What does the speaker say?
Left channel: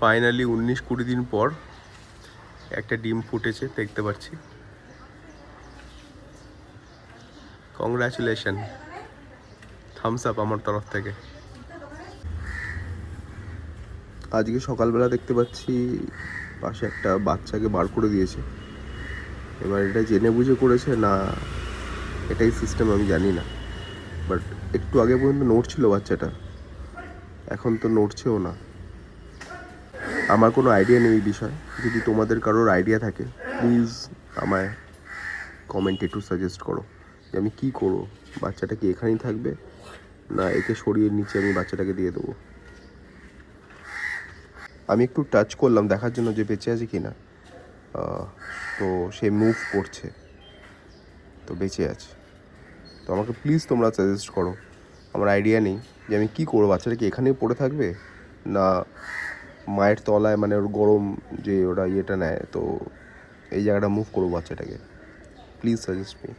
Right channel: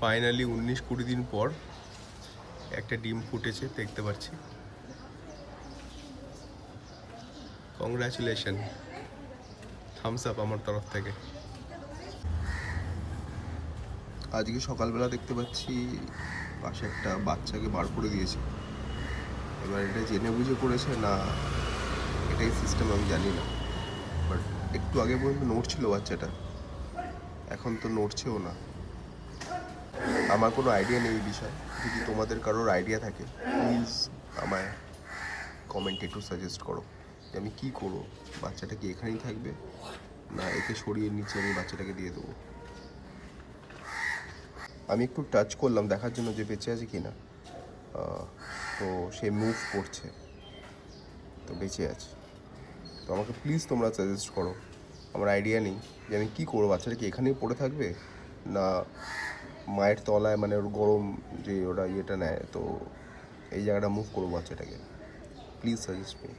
Finally 19-20 দিন পর একটা ডিম ফুটেছে দেখতে পাচ্ছি। কংগ্রাচুলেশন, থামস আপ আমার তরফ থেকে। আজকে সকালবেলা দেখতে পাচ্ছি পাশে একটা বাচ্চাকে বার করে দিয়েছে। এবার এটা জেনে বুঝে করেছে না এটাই সিস্টেম আমি জানি না, বাট একটু আগে পর্যন্ত নড়ছিল বাচ্চাটা, এখন তো নড়ছেও না। আমার কোনো আইডিয়া নেই এই বিষয়ে। যদি তোমাদের কারোর আইডিয়া থাকে প্লিজ আমায় কমেন্টে একটু সাজেস্ট করো যে আমি কী করবো। বাচ্চাটা কি এখানেই থাকবে না একে সরিয়ে নিচে আমি বাচ্চাটাকে দিয়ে দেবো? আমি একটু টাচ করলাম দেখার জন্য যে বেঁচে আছে কি না, তো সে মুভ করছে, তো বেঁচে আছে। তো আমাকে প্লিজ তোমরা সাজেস্ট করো, আমার আইডিয়া নেই যে আমি কী করবো। বাচ্চাটা কি এখানেই পড়ে থাকবে না মায়ের তলায়, মানে ওর গরম যে ওরা ইয়েটা নেয়, তো এই জায়গাটা মুভ করবো বাচ্চাটাকে? Please suggest me.